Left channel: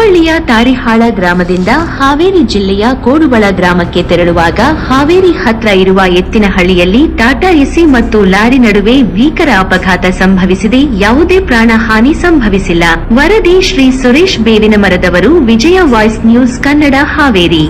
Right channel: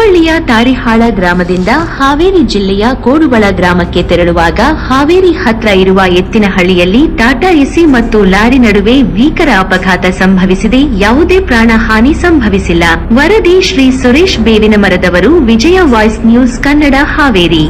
ಹುಬ್ಬಳ್ಳಿಯ ತಾರಿಹಾಳ ಗ್ರಾಮದಿಂದ ಹಾವೇರಿ ಜಿಲ್ಲೆಯ ಕೋಡುಬಳ ಗ್ರಾಮಕ್ಕೆ ತೆರಳುವಾಗ ಹಾವೇರಿ ಹತ್ರ ಇರುವ ಎತ್ತಿನಹಳ್ಳಿಯಲ್ಲಿ ಟಾಟಾ ಎಸಿ ಮತ್ತು ಲಾರಿ ನಡುವೆ ಭೀಕರ ಅಪಘಾತ ಸಂಭವಿಸಿದೆ. ಯಾವುದೇ ಪ್ರಾಣಹಾನಿ ಸಂಭವಿಸಿಲ್ಲ. ವರದಿ ಶ್ರೀ ಸುರೇಶ್ ಬೇವಿನ ಮರದವರು ವಿಜಯ ವಾಯ್ಸ್ ನ್ಯೂಸ್ ಕನ್ನಡ ಹಾವೇರಿ.